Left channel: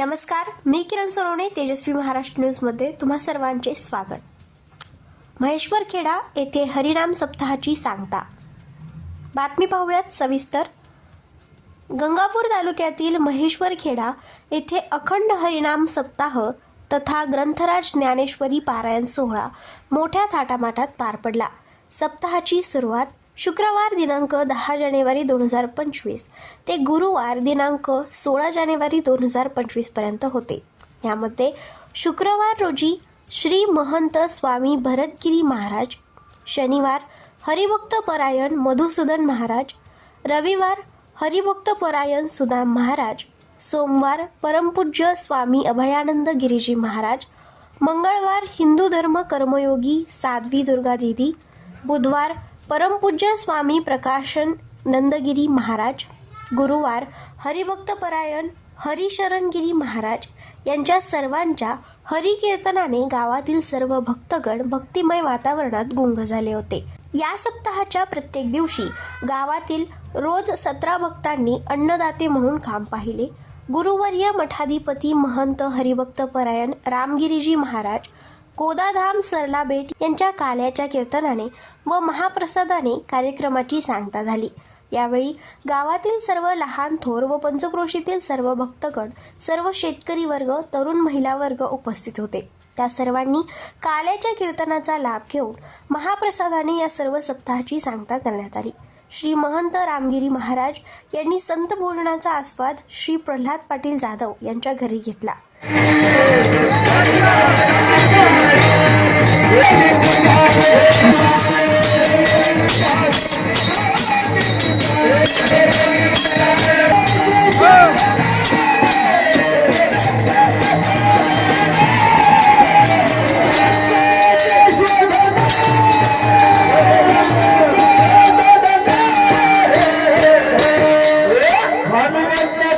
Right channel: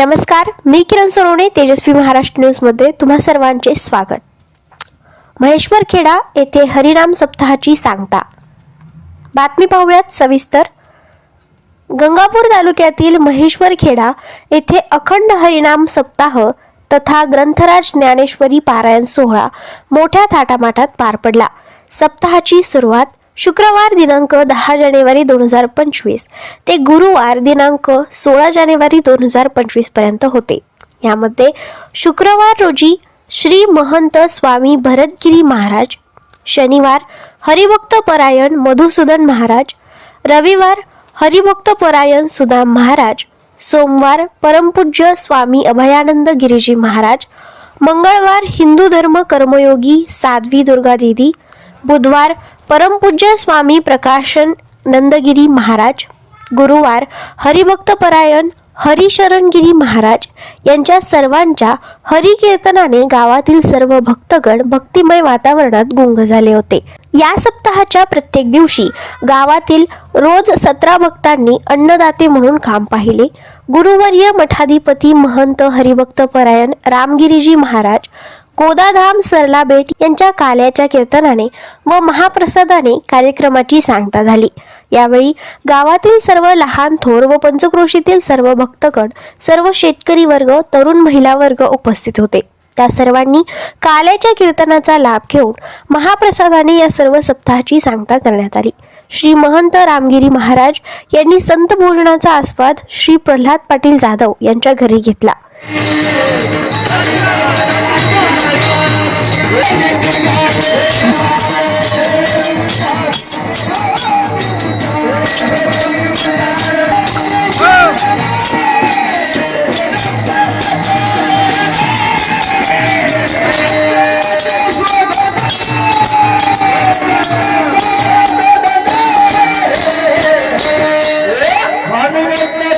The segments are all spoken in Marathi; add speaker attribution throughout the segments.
Speaker 1: नमस्कार मी किरण सोनवणे तेजस्वी महाराष्ट्र न्यूजमध्ये तुम्हा सर्वांचे स्वागत. महेश्वर खेडा येथे हरिनाम सप्ताहाची सांगता. बातमी पाहूयात सविस्तर. गंगापूर तालुक्यातील महेश्वर खेडा येथे अखंड हरिनाम सप्ताह तथा ग्रंथराज ज्ञानेश्वरी पारायण सोहळा मोठ्या थाटामाटात पार पडला. सप्ताहाची सुरुवात शुक्रवार दिनांक दहा जानेवारी दोन हजार पंचवीस. ते गुरुवार दिनांक सोळा जानेवारी दोन हजार पंचवीसपर्यंत होते. यामध्ये शुक्रवार रोजी श्री महंत स्वामी भरतगिरी महाराज शनिवार हरिभक्त परायण मधुसूदन महाराज रविवार हरिभक्त परायण सुदाम महाराज सोमवार परमपूज्य स्वामी अभयानंद गिरीजी महाराज मंगळवार हिंदू धर्म कर्मयोगी साध्वी दुर्गा देवी बुधवार परमपूज्य स्वामी प्रकाशन नंदगिरी महाराज गुरुवार हरिभक्त परायण हरिशरणगिरी महाराज यांच्या सर्वांच्या हरिकीर्तनाने गावातील सर्व भक्तगण भक्तिमय वातावरणात गुंग झाले होते. या सप्ताहाच्या प्रत्येक दिवशी गावातील रोज सतरा भक्तांनी अन्नदाते म्हणून काम पाहिले. गुरुवर्य मठाधिपती महंत हरिभक्त परायण रामगिरीजी महाराज कोदाधाम सरला बेट यांच्या काल्याच्या कीर्तनाने व महाप्रसादाने कार्यक्रमाची सांगता झाली. यावेळी गावातील सर्व लहान थोर व पंचक्रोशीतील सर्व भक्तगण सर्व शेतकरी वर्ग तरुण महिला वर्ग उपस्थित होते. त्या सर्वांनी काल्याच्या कीर्तनाचा लाभ घेऊन महाप्रसादाने या सर्व सप्ताहाची सांगता करण्यात आली. श्री महंत रामगिरी महाराज यांनी संत भोजनाचा आस्वाद श्री प्रल्हाद पाटील जाधव यांच्या घरी घेतला.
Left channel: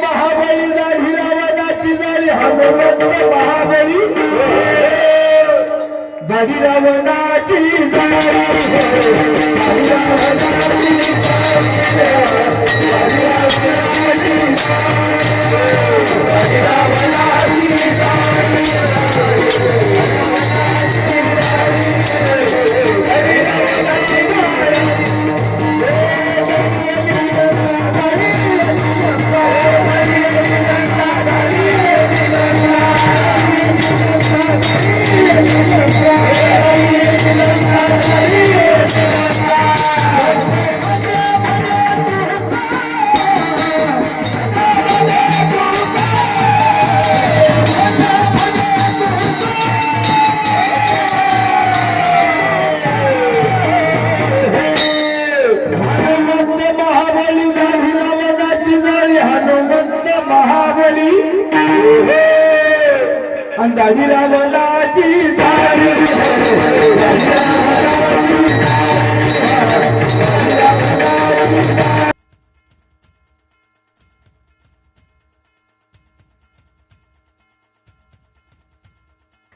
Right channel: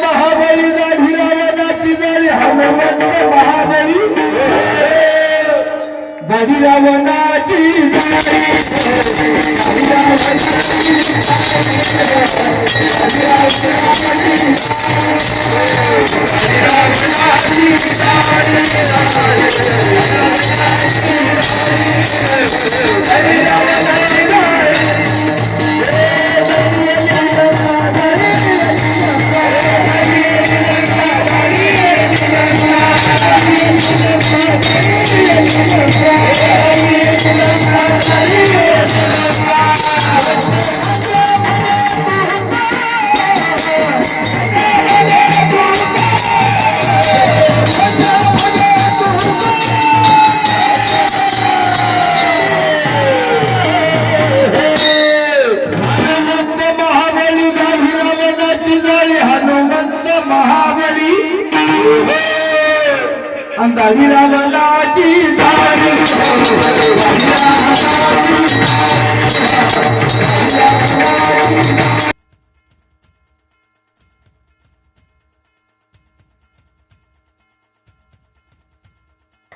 Speaker 2: महाबळी गाढी रावणाची झाली. हनुमंत महाबळी. गाढी रावणाची झाली गाढी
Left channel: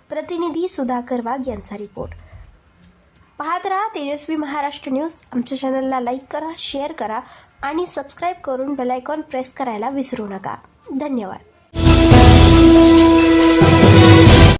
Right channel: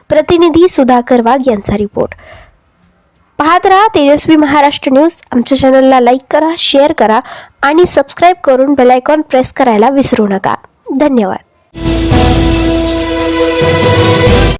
Speaker 1: प्रतिनिधी सुधाकर वाघ यांचा रिपोर्ट. पाहत राहा तेजस्वी महाराष्ट्र न्यूज. आमच्या चॅनलला लाईक करा शेअर करा आणि सबस्क्राईब करून बेलायकॉन प्रेस करायला विसरू नका. धन्यवाद.